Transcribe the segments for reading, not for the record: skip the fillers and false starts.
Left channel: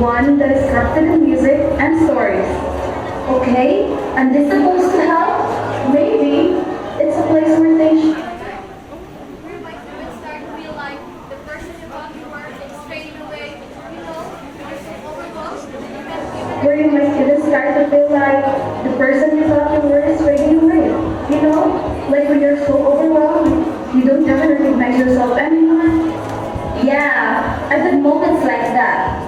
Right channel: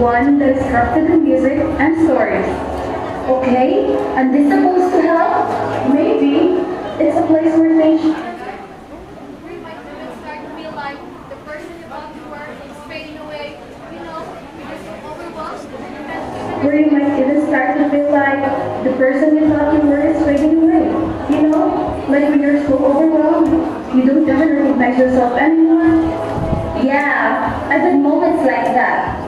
one that is crafted in music and stories. Okay, and this supposed to help? Maybe it's a place where they We might even start to feel like the person you thought you were is fading away, because you're overwhelmed and you can't even... where you might even start to feel like the person you thought you were is fading away. Like when you're so overwhelmed, you don't even recognize yourself anymore. Yeah, I've had moments like that.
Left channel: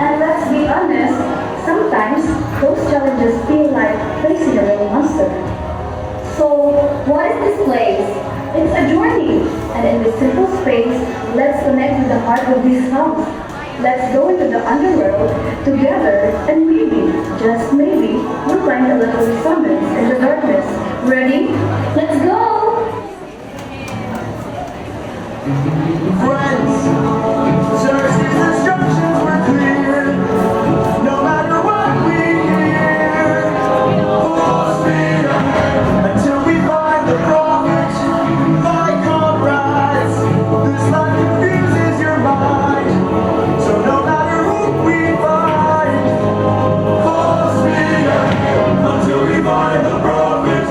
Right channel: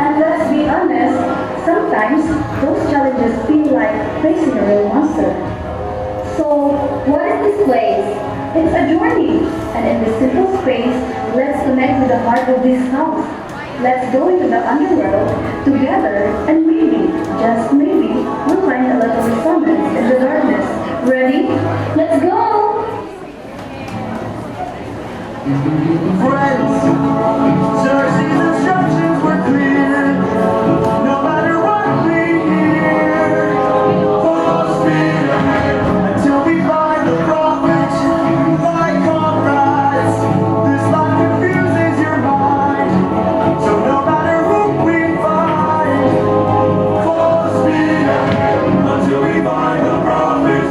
And let's be honest, sometimes those challenges feel like facing a real monster. So, what is this place? It's a journey. And in this simple space, let's connect with the heart of this house. Let's go into the underworld together and maybe, just maybe, we'll find a little resonance in the darkness. Ready? Let's go! Friends, Cersei's instructions were clear. No matter what we hear, full speed ahead until we find the prophet. My comrades, this life confuses your mind. So no matter who we find, full speed ahead until we find the prophet.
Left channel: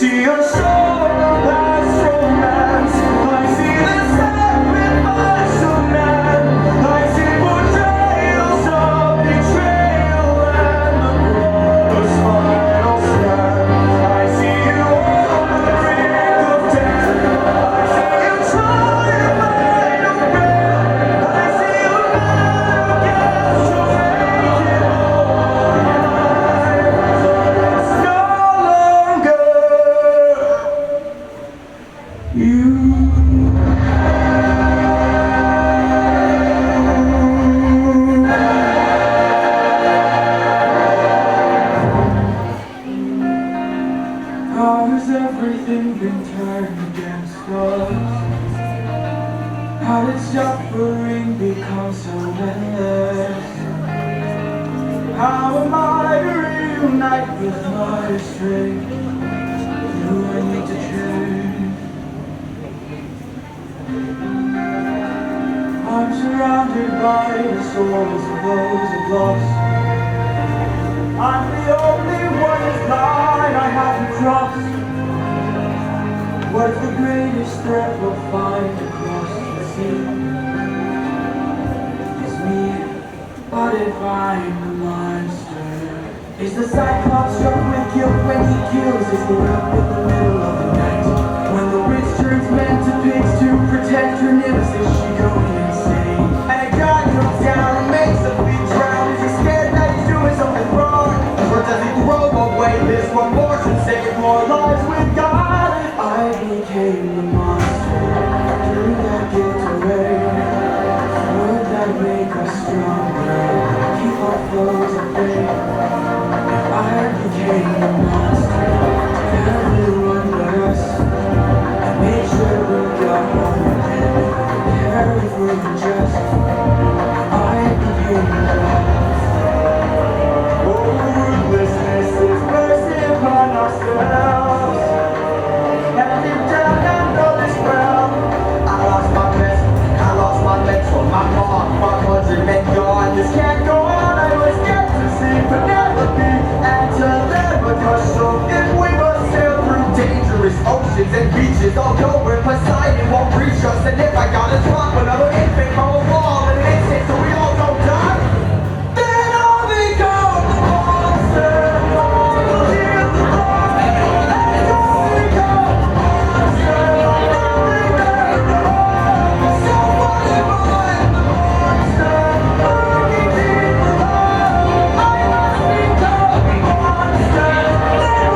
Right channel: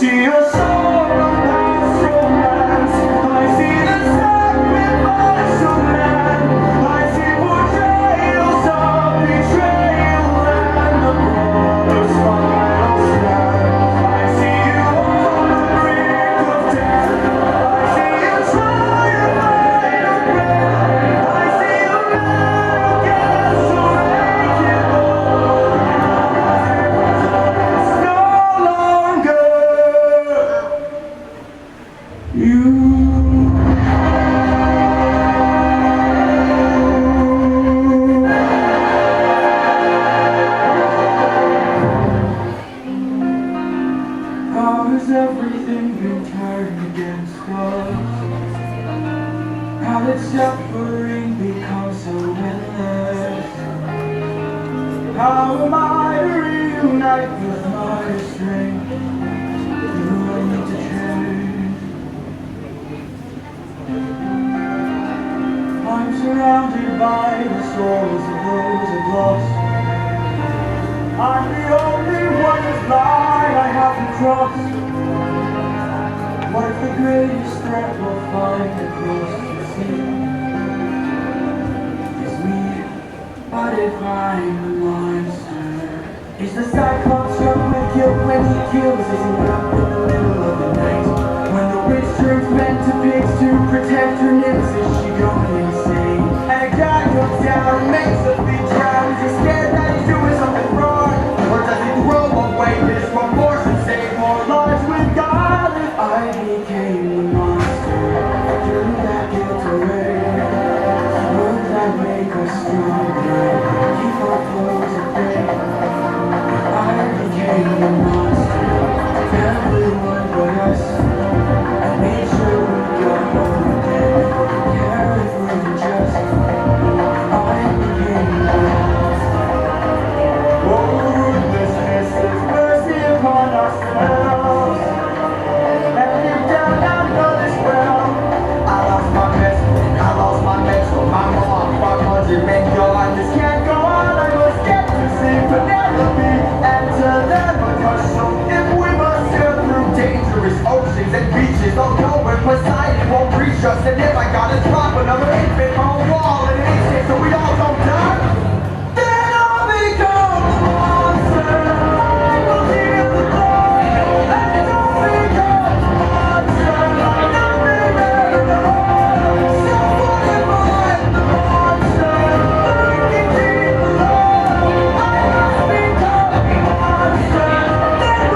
see a soul of past romance. I see the sacrifice of man. I see portrayals of betrayal and the brother's final stand. I see you on the brink of death. I see you trying to find a breath. I see you now against to make it whole. It's no longer you. How has everything been turned against us? How did suffering become so endless? How am I to reunite with my strength? Do I need to change? I'm surrounded by the souls of those I've lost. I'm the only one whose line I haven't crossed. What if the greatest threat we'll find across the sea is me? What if I'm the monster? Is the Cyclops struck with guilt when he kills? Is he left in the middle of the night? When the witch turns men to pigs to protect her nymphs, is she going insane? And a guy comes down and makes a big drown. Is he scared that he's doing something wrong? Or does he throw away his remorse and save more lives with God? I became the monster. Did that get away? Would that make us stronger? Keep our foes at bay. I became the monster. Everyone but us. I made sure we got home again. Care if we're unjust. I became the monster. Oh, ruthlessness is mercy upon ourselves. And deep down I know this well. I lost my best, I lost my legs, so my mom, my countrymen gone. This can't go on, I was scared to see Penelope and Telemachus. If we must sail through dangerous oceans and beaches, I'll go where Poseidon won't reach us. And if I gotta drop another infant from a wall in an instant so we all don't die, then I'll become a monster. I'll hear the call and I'll become a monster. Nothing better than home. So what am I, the monster? Lurking deep below. I must become a monster. Then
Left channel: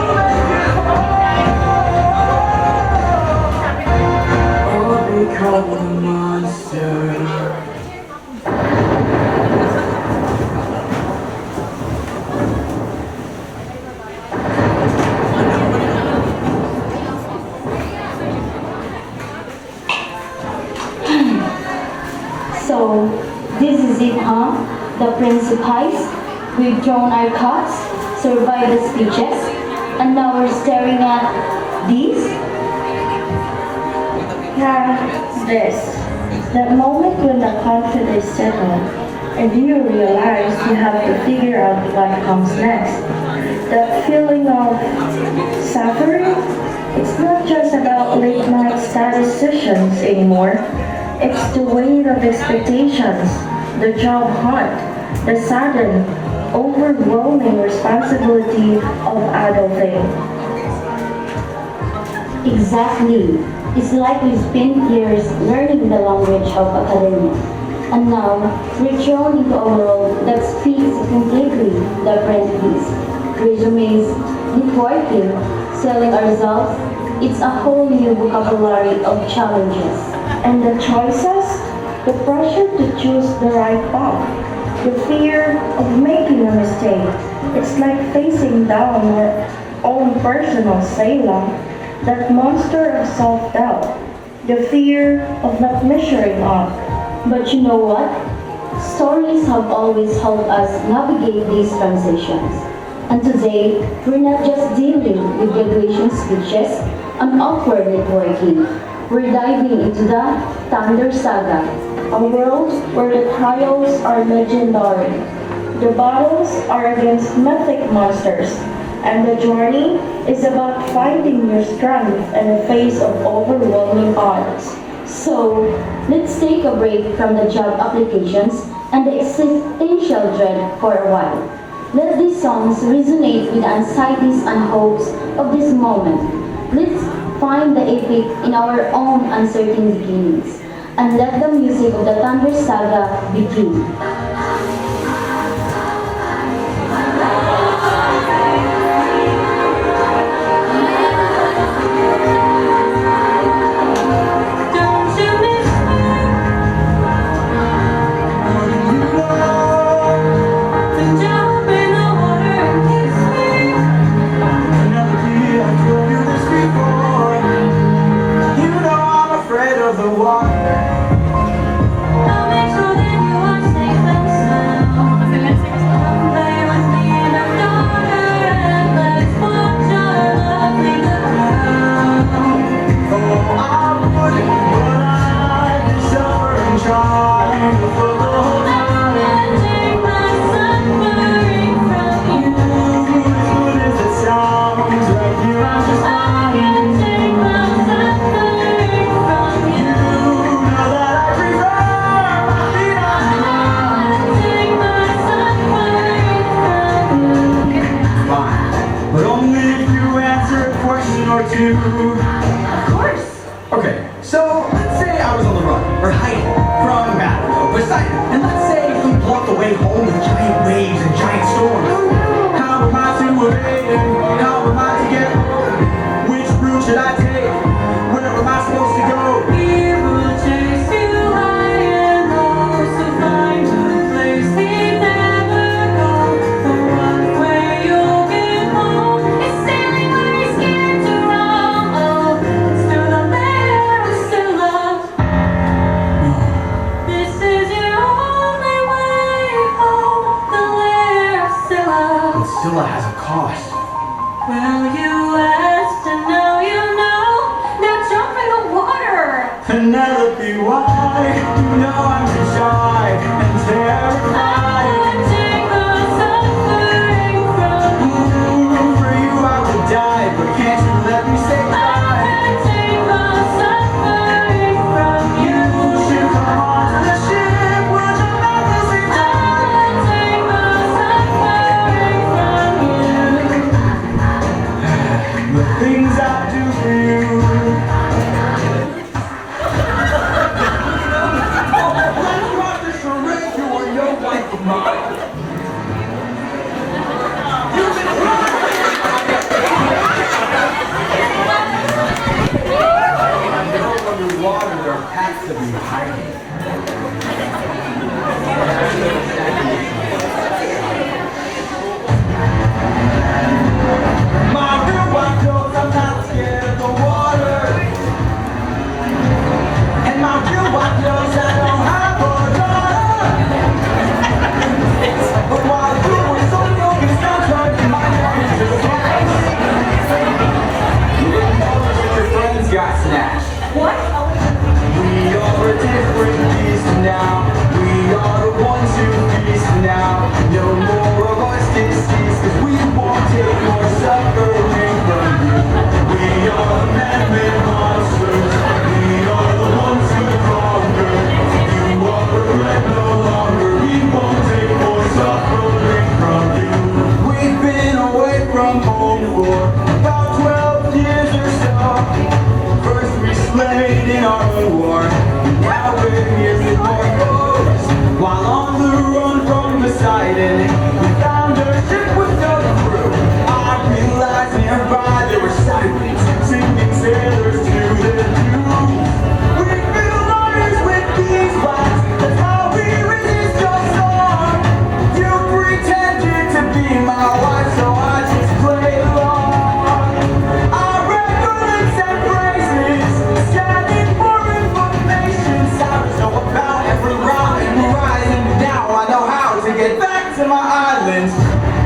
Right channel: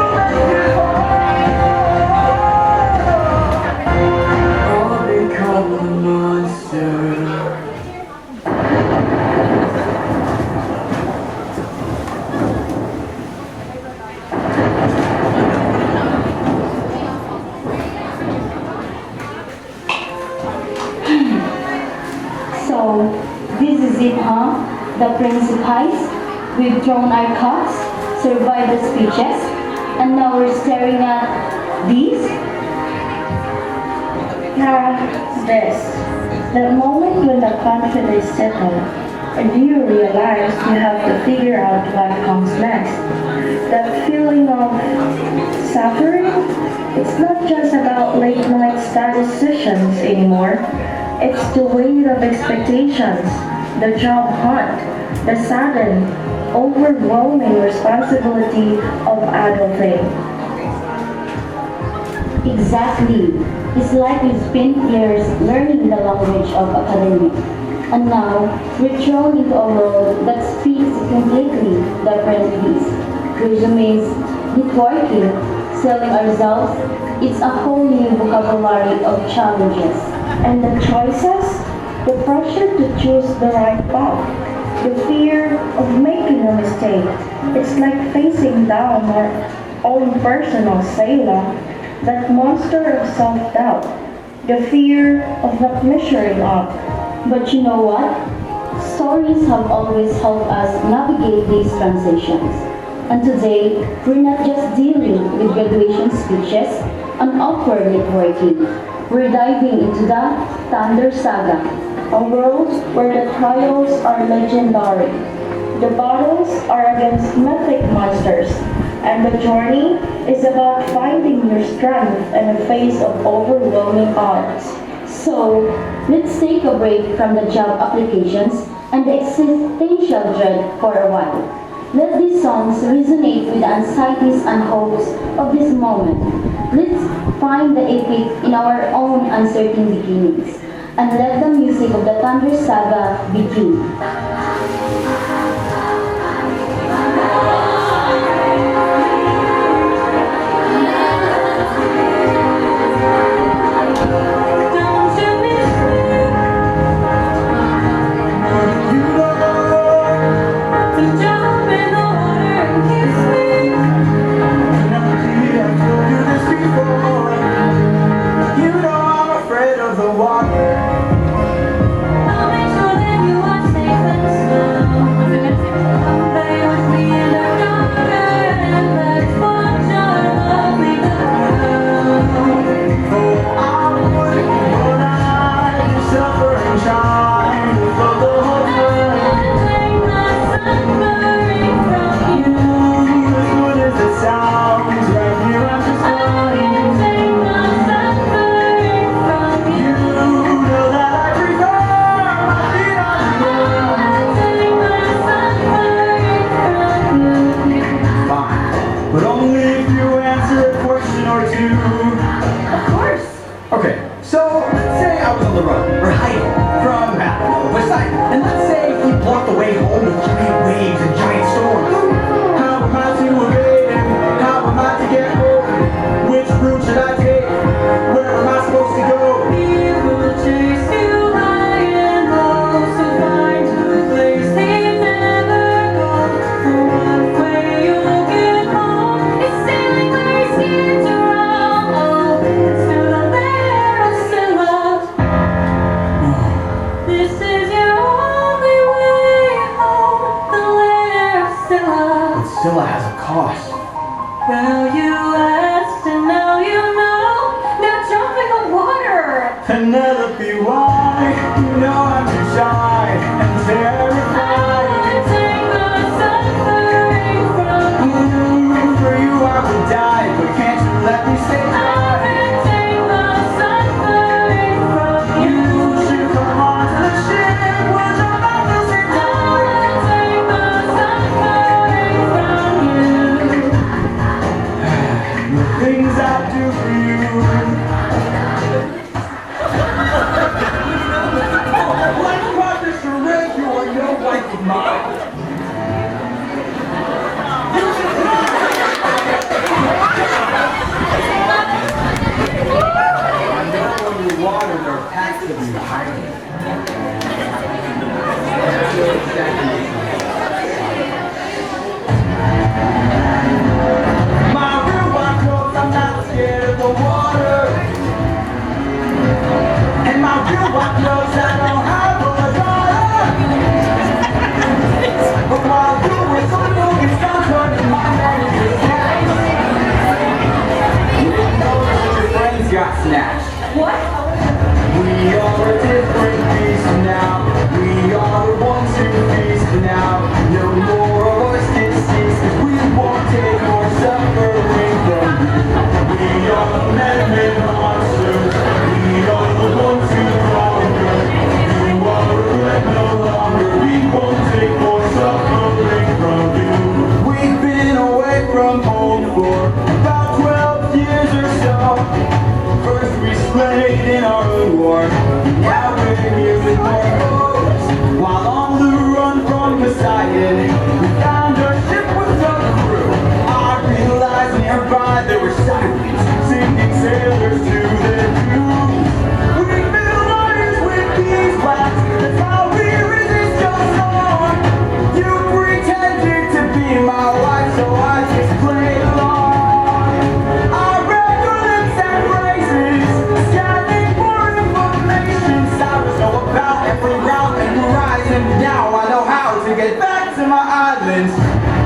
we'll make it home. I'll become a monster. So, this is it, huh? The Prince of Heist. We've drawn our cuts, survived the speeches, and now we're staring at these? Yeah, this. The moment when the conflict is settled and you realize you have to figure out what comes next. That feeling of suffering, it's not just about late night study sessions anymore. It's the weight of expectations, the job hunt, the sudden, overwhelming responsibility of adulting. Exactly. It's like we spent years learning the language of academics, and now we're thrown into a world that speaks a completely different piece. Resumes, networking, selling ourselves, it's a whole new vocabulary of challenges. And the choices, the pressure to choose the right path, the fear of making a mistake. It's like facing down our own personal Scylla, that monster of self-doubt, the fear of not measuring up. But you know what? Stories have always helped us navigate these transitions. And today, we're not just dealing with graduation speeches and awkward networking. We're diving into the Thunder Saga, A world where the trials are legendary, the battles are against mythic monsters, and the journey is about finding your strength in the face of overwhelming odds. So, let's take a break from the job applications and the existential dread for a while. Let these songs resonate with the anxieties and hopes of this moment. Let's find the epic in our own uncertain beginnings, and let the music of the Thunder Saga begin. The water. I'll make sure that you are safe and sound. Lay with me in our daughter and let's watch our lovely ground. Oh, I'm when I suffer and try to fill the whole And take the suffering from you. as good as it sounds, right here I'm just I can take the suffering from you. you know that I prefer my feet on the ground. Take the suffering from you. Fine, but only if you answer a question or two. Of course. Okay, so let's say I was on the run, or hiding from, I don't know, Poseidon. And let's say we blocked the way home with giant waves and giant storms. How am I to evade it? How am I to get home? Which route should I take? Where am I supposed to go? He will chase you high and low, so find a place he'd never go. For one way you'll get home is sailing where he's scared to roam. Oh, it's to the lair of Scylla. This is your only way home, the lair of Scylla. But Scylla has a cost. Well, you asked and now you know. Now jump in the water. And never be why, you know I'm too shy and terrified. Take the suffering from you. Ooh, for you I would die, but can't you let me stay alive? Take the suffering from You you. should come onto the ship, we'll jump out the same time. Take the suffering from you. The things I do for you. Let's rock the charade, you are no like of mine. Underwater, there has to be hiding. My real white clothes, I'm not scared of the water. And my real white clothes, I don't have a daughter. But while you were so focused on turning my name to ice, you didn't know that your friends got snatched. What? We are a different beast now. We are the ones who feast now. No more of us deceased, 'cause we won't take more suffering from you. We are the man-made monsters. We are the ones who conquer. You are regret no longer. We won't take more suffering from you. We've been away from home for about 12 years or so. First we slayed in our own war. Now we're here with more foes. While on the run from Poseidon, we found a ship with no crew. I realized nearby there were sirens singing sailors to their tunes. We build iron with beeswax. That's how we resist your storm. You pretended to be my wife, so I just played along. I read your lips and phrases, scanning for information. Sounds know about every round and rise, and now I know how to get back to my islands.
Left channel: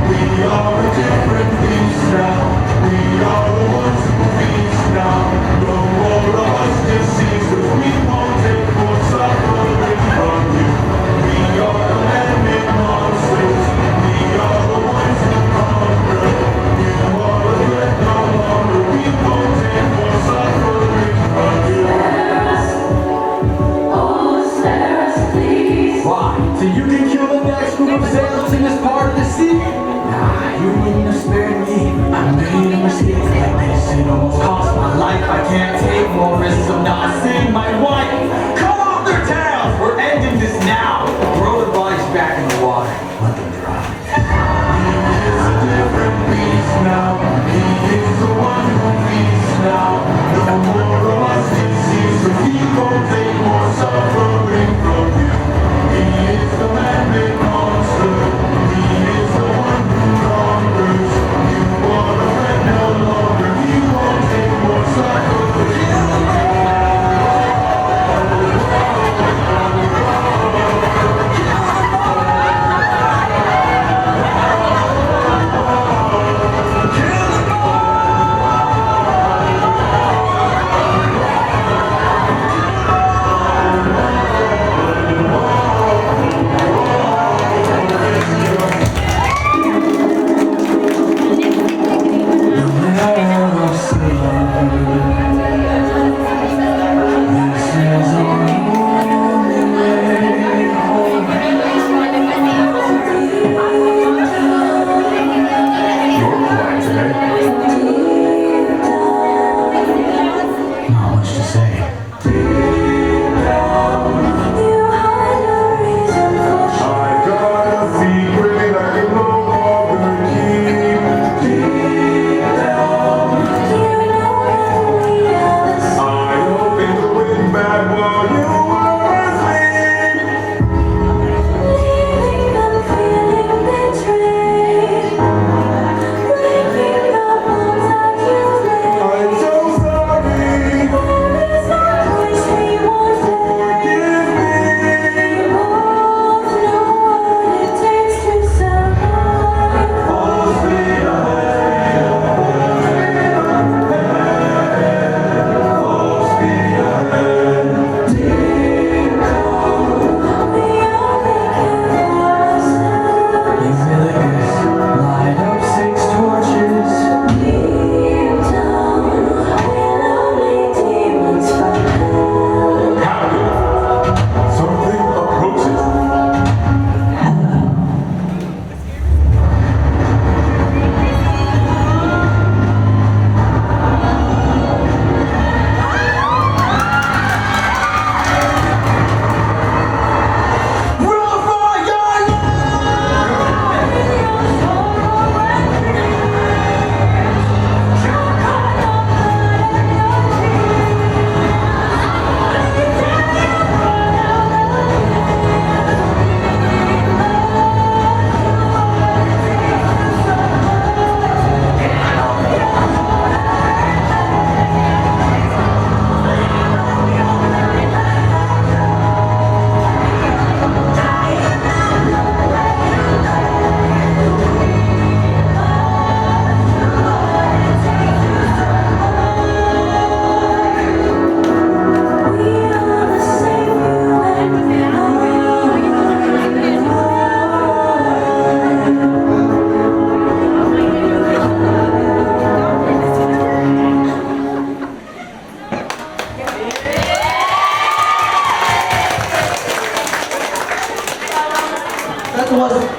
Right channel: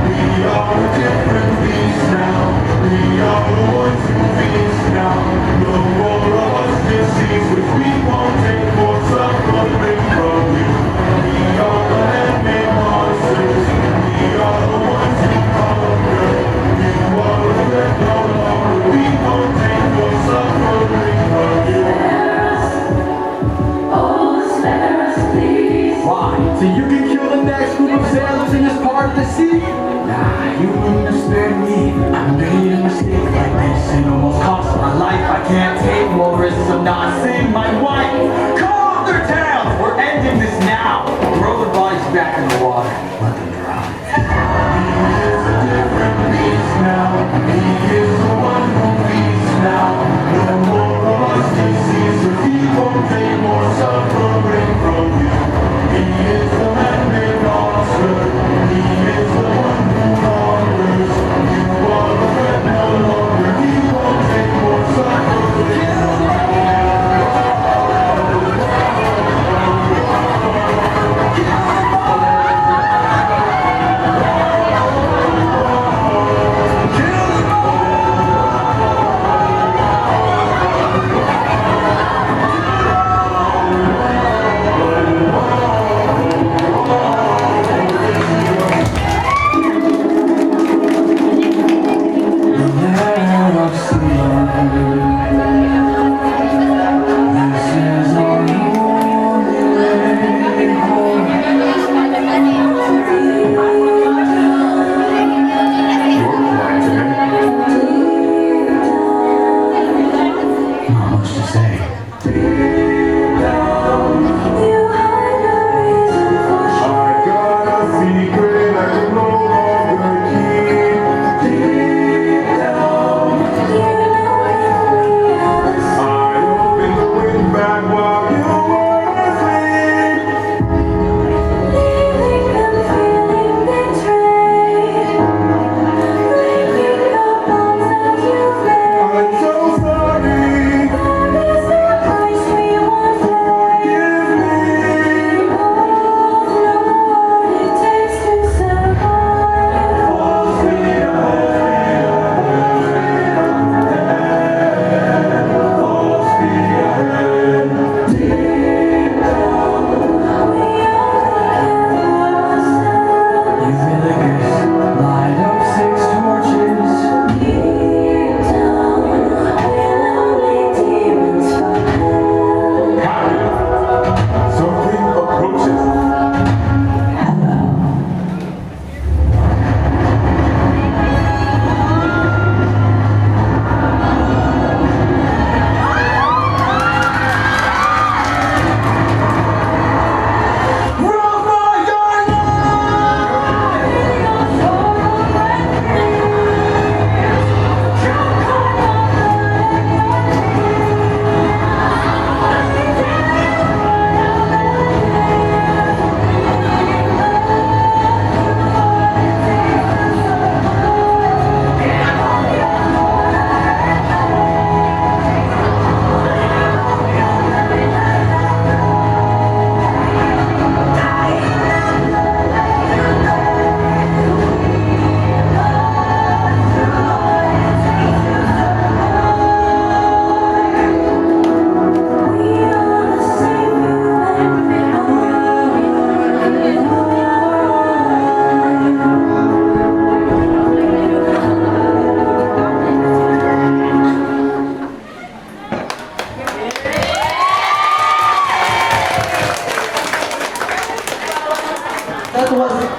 We are a different beast now. We are the ones who feast now. No more of us deceased, 'cause we won't take more suffering from you. We are the man-made monsters. We are the ones who conquer. You are regret no longer. We won't take more much to say.